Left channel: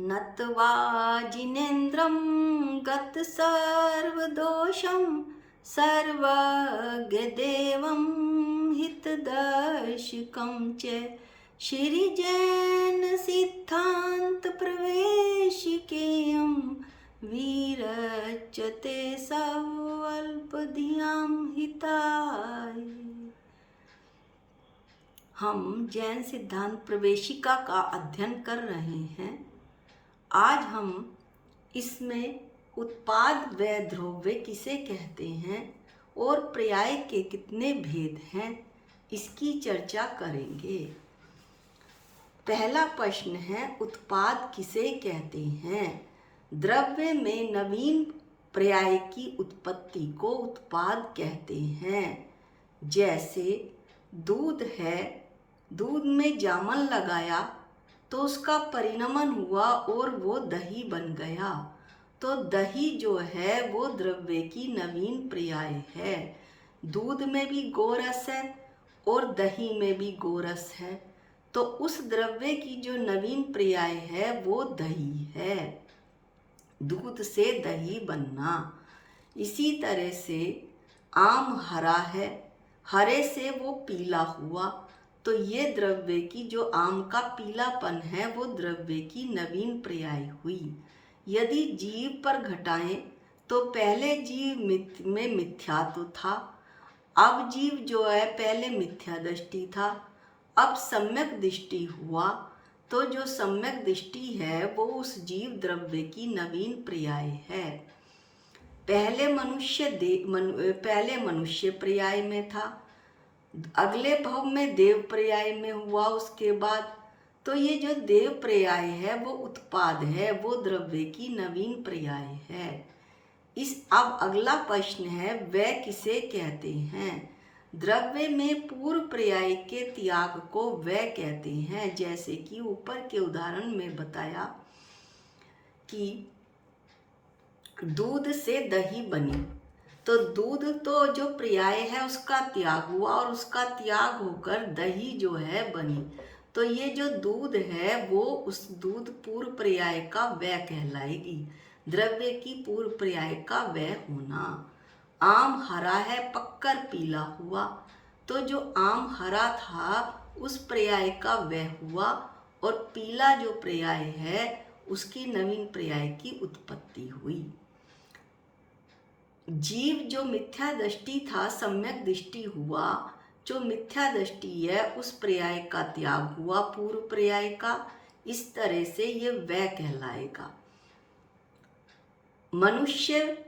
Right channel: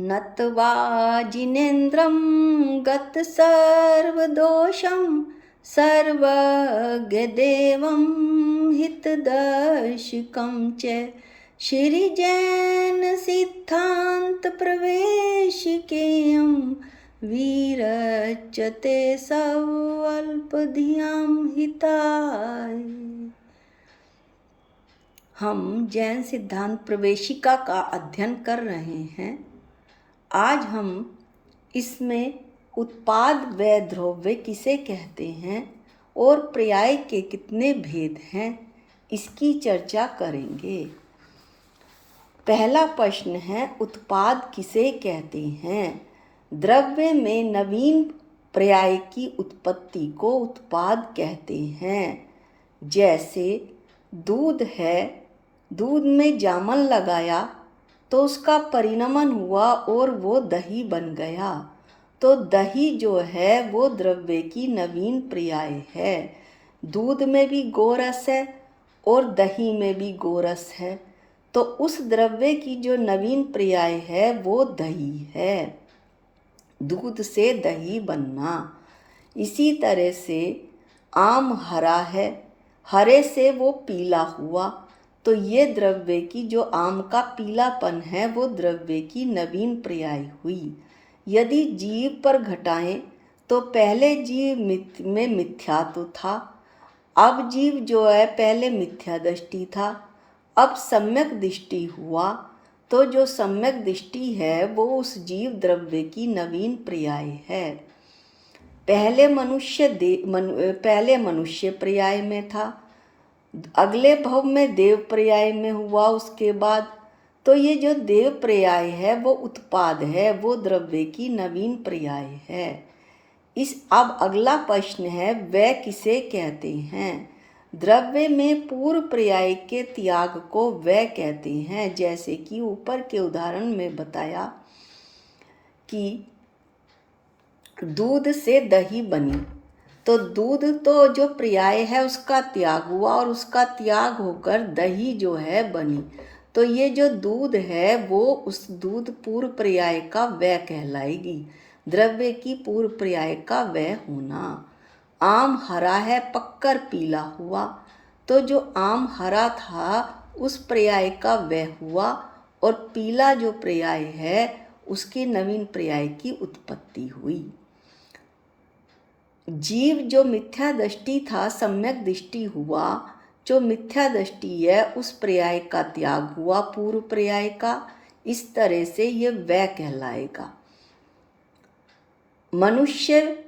नत्वा जिनेन्द्रं गतसर्वदोषं सर्वज्ञदेवं हितदर्शकं च श्रीजैनसिद्धान्तप्रवेशिकेयं विरचते सवल्पधियां हिताय। हम जैन सिद्धांत प्रवेशिका का अध्ययन कर रहे हैं। आज हम इसमें उत्पाद व द्रव्य किसे कहते हैं और पर्याय के कितने भेद हैं, इसकी चर्चा करेंगे। पहला प्रश्न है, उत्पाद किसे कहते हैं? द्रव्य में नवीन पर्याय की उत्पत्ति को उत्पाद कहते हैं। जैसे दूध है, दूध में जामन लगाया तो उसका परिणमन हुआ और वो दही बन गया, तो दही जो है वो द्रव्य की नवीन पर्याय है। दूध में भी गोरस है और दही में भी गोरस है, तो उस द्रव्य की जो नवीन पर्याय है वो दही है। दूध से दही बनना। इसी तरह से आम हरा है, हरे से वो पीला हुआ, तो ये द्रव्य की जो आम का पीलापन है वो द्रव्य की नवीन पर्याय हुई। यदि जीव पर घटाएं तो पहले जीव में मिथ्यात्व था, अब जीव जो है पहले मिथ्या दृष्टि था, अब सम्यक दृष्टि हुआ, तो जो सम्यक दृष्टि है वो उस जीव द्रव्य की नवीन पर्याय है। पहले मनुष्य पर्याय में था, अगले भव में देव पर्याय में हुआ उसके बाद, तो ये जो देव पर्याय है वो उत्पाद है, वो द्रव्य की नवीन पर्याय है। अब अगला प्रश्न है, वह किसे कहते हैं? द्रव्य में पूर्व पर्याय के त्याग को वह कहते हैं। जैसे कि ऊपर के उदाहरण में बताया कि दूध से दही बनी, तो दूध तो जो पर्याय है उसका त्याग हुआ और उसका त्याग होकर दही जो है बनी, तो ये जो दूध है वो उस दूध पूर्व पर्याय का वह कहलाएगी, द्रव्य की पूर्व पर्याय का वह होना। आम हरा है, पक्कर पीला हुआ, तो जो आम हरा था उस पर्याय का वह हुआ और पीला जो पर्याय है उसकी नवीन पर्याय की उत्पत्ति हुई। जीव जो मिथ्या दृष्टि था सम्यक दृष्टि हुआ, जो मिथ्या दृष्टि है उस पर्याय का त्याग हुआ पूर्व पर्याय का, इस तरह से ये वह कहलाएगा। मनुष्य,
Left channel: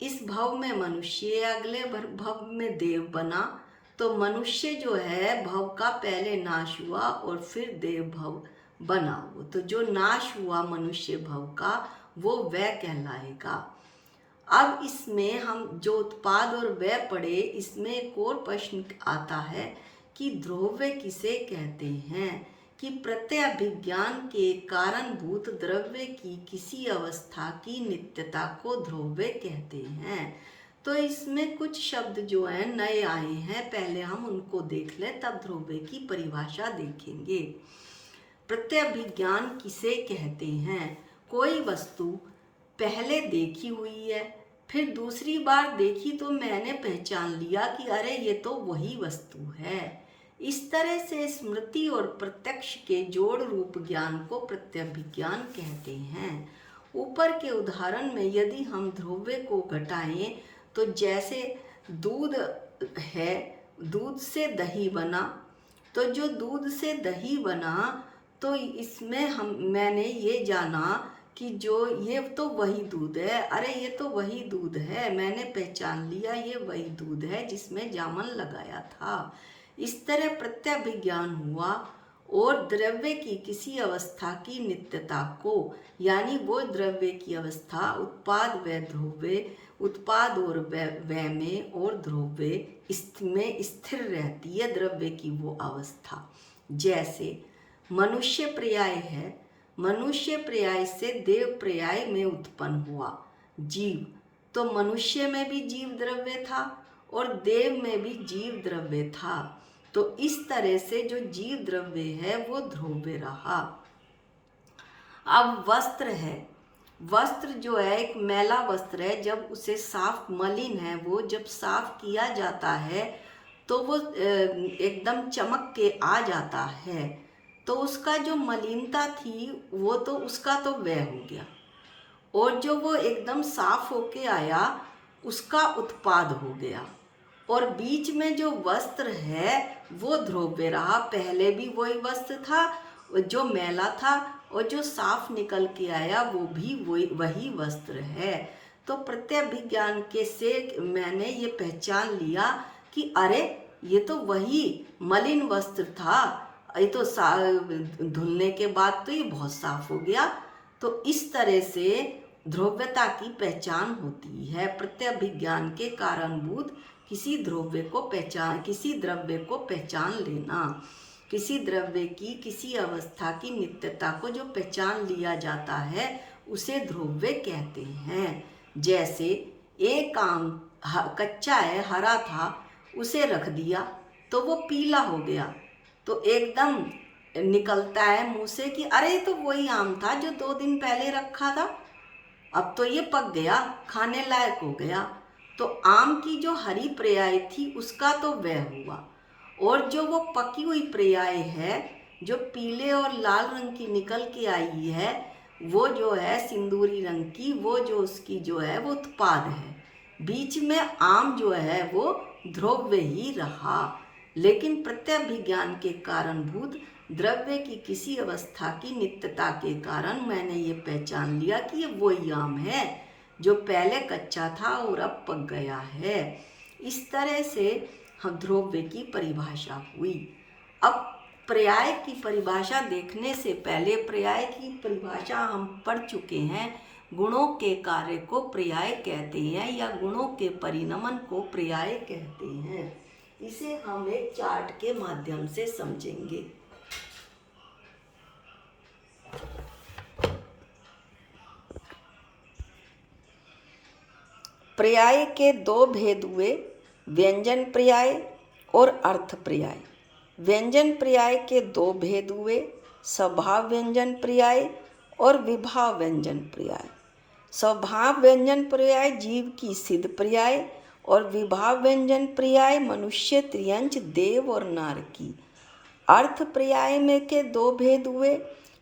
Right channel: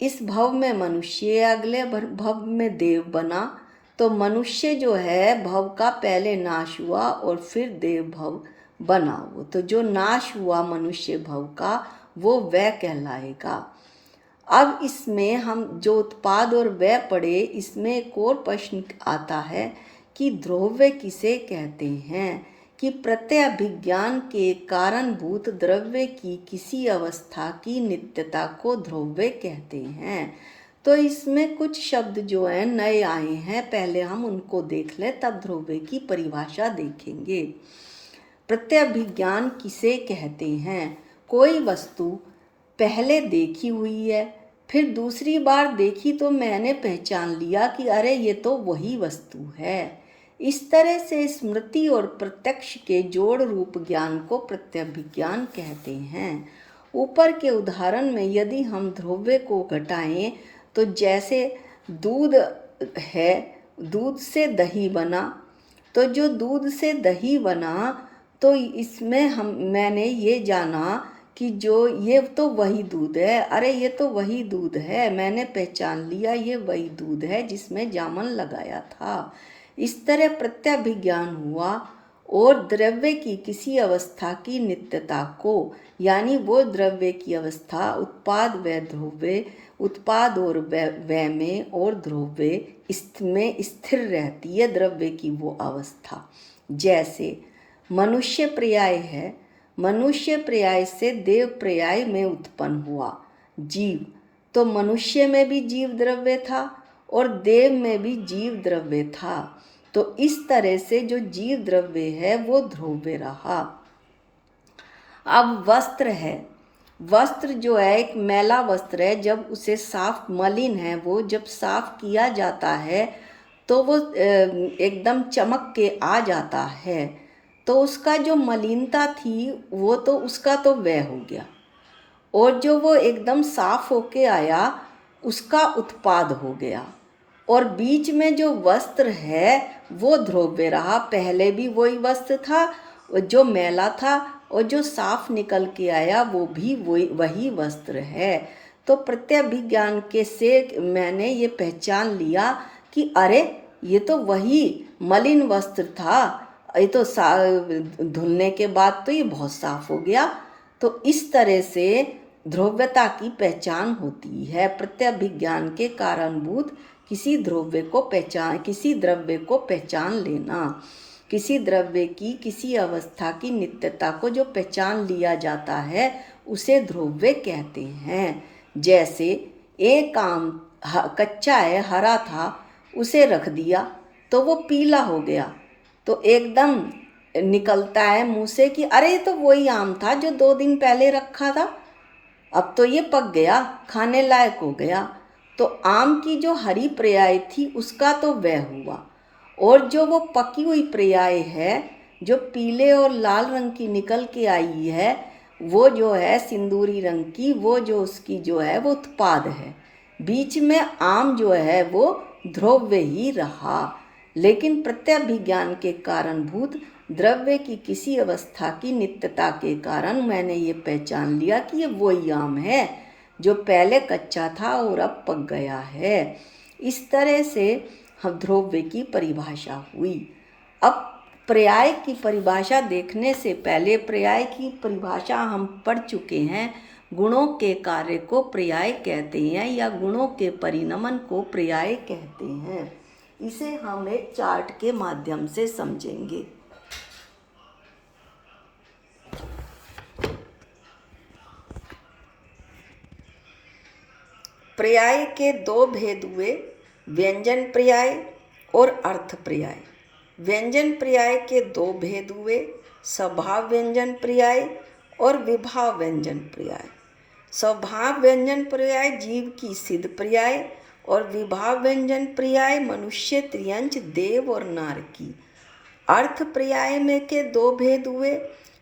इस भव में मनुष्य, अगले भव में देव बना, तो मनुष्य जो है भव का पहले नाश हुआ और फिर देव भव बना, वो तो जो नाश हुआ मनुष्य भव का वो वह कहलाएगा। अब इसमें हम जो उत्पाद और व्यय पढ़े, इसमें एक और प्रश्न आता है कि द्रव्य किसे कहते हैं? कि प्रत्यभिज्ञान के कारणभूत द्रव्य की किसी अवस्था की नित्यता को द्रव्य कहते हैं। तो इसमें कुछ शब्द जो हैं नए आए हैं, पहले हम उनको देख लें तब द्रव्य की परिभाषा देखेंगे। प्रत्यभिज्ञान किसे कहते हैं? कोई वस्तु पहले देखी हुई है, फिर दूसरी बार देखी तो मैंने पहचान लिया कि अरे ये तो वही वस्तु है। इस तरह से स्मृति और प्रत्यक्ष के जोड़ रूप ज्ञान को प्रत्यभिज्ञान कहते हैं। ऊपर के उदाहरण में यदि हम द्रव्य को घटाएं तो जैसे दूध है, दूध से दही बना, तो जो दूध से दही बना तो इसमें मैंने ये जाना कि जो ये तो वही दूध है, अरे ये तो वही दूध है, मैंने पहचान लिया ये वही दूध है जिसमें जामन लगाया था। इस तरह प्रत्यभिज्ञान हुआ और द्रव्य की किसी अवस्था की नित्यता को, यानी वो द्रव्य की अवस्था उत्पाद व द्रव्य, उत्पाद और व्यय में और द्रव्य इसमें स्थिर रहती है द्रव्य की वो अवस्था। जैसे मनुष्य पर्याय है, मनुष्य पर्याय से देव पर्याय में उत्पन्न हुआ जीव, तो मनुष्य में भी जीव द्रव्य था और देव में भी जीव द्रव्य था, तो इस तरह से जो जीव द्रव्य है वो ध्रुव्य रहा। अब वस्त्र है, वस्त्र जो है एक मैला वस्त्र है, जब उसे साफ, मलिन है वो, जब साफ किया जाता है तो वो एकदम चमक के आ जाता है। तो उसका जो मलिनता थी वो तो उसका तो वह हो गया, और जो वो एकदम साफ होके आया उसका उत्पाद हो गया। और बीच में जो वस्त्र है वो ध्रुव्य रहा, पहले भी वही वस्त्र था जो मैला था, और जो साफ निकल के आया वो भी वही वस्त्र है। तो प्रत्यभिज्ञान के से मैंने ये पहचान लिया कि अरे ये तो वही मलिन वस्त्र था, ये तो धुलने के बाद तो ये बहुत साफ हो गया। तो इस तरह से ध्रुव्यता की पहचान होती है। प्रत्यभिज्ञान के कारणभूत किसी द्रव्य को पहचान लेना, किसी द्रव्य की किसी अवस्था की नित्यता को जो पहचान लिया जाता है उसे ध्रुव्य कहते हैं। जैसे एक आम कच्चा है, हरा था, उसे रख दिया तो वो पीला हो गया, तो एकदम निकलता है मुंह से कि अरे ये तो वही आम था जो 2 दिन पहले रखा था, अब तो ये पक गया, खाने लायक हो गया। तो आम की जो हरी पर्याय थी उसका तो वह हुआ, और जो वो पकी हुई पर्याय है जो पीले और लाल रंग की निकल के आई है, वो जो है सिंदूरी रंग की, वो जो उसकी जो है वो उत्पाद है। बीच में आम जो है वो ध्रुव्य ही रहा, लेकिन प्रत्यभिज्ञान के कारणभूत द्रव्य की किसी अवस्था की नित्यता के कारण मैंने ये पहचान लिया कि ये वही आम है जो पहले कच्चा था और अब पक गया है। इस तरह से हम ध्रुव्य की परिभाषा हुई। अब पर्याय की परिभाषा देखने से पहले, पर्याय की परिभाषा हम पढ़ चुके हैं। गुणों के कार्य को पर्याय कहते हैं या गुणों के परिणमन को पर्याय कहते हैं। इसे हम एक चार्ट के माध्यम से समझेंगे। पर्याय के 2 भेद हुए, व्यंजन पर्याय और अर्थ पर्याय। व्यंजन पर्याय के 2 भेद हुए, स्वभाव व्यंजन पर्याय और विभाव व्यंजन पर्याय। स्वभाव व्यंजन पर्याय जीव की सिद्ध पर्याय और विभाव व्यंजन पर्याय मनुष्य, त्रियंच, देव और नार की। अर्थ पर्याय में के 2 भेद हुए,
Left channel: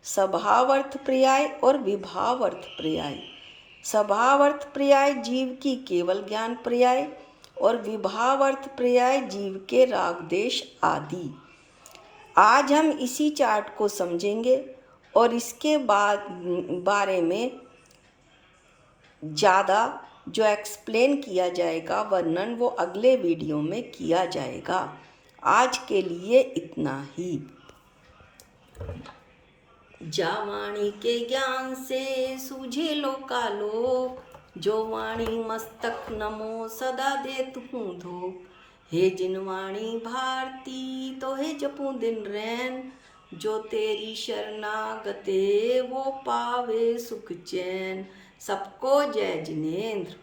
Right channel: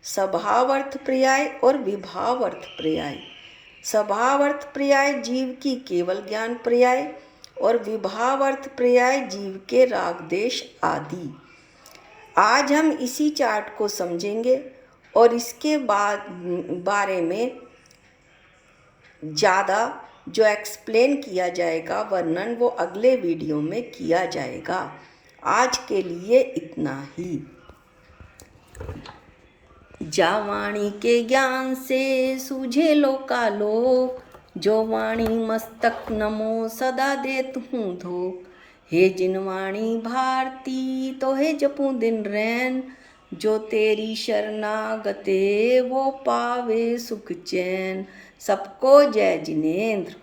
स्वभाव अर्थ पर्याय और विभाव अर्थ पर्याय। स्वभाव अर्थ पर्याय जीव की केवल ज्ञान पर्याय और विभाव अर्थ पर्याय जीव के राग देश आदि। आज हम इसी चार्ट को समझेंगे और इसके बारे में ज़्यादा जो एक्सप्लेन किया जाएगा, वर्णन, वो अगले वीडियो में किया जाएगा। आज के लिए इतना ही। जा वाणी के ज्ञान से सूझे लोकालोक, जो वाणी मस्तक नमो सदा देत हूँ धोक। हे जिन वाणी भारती तो हे जपूं दिन रैन, जो तेरी शरणागते वो पावे सुख चैन। सबको जय जिनेंद्र।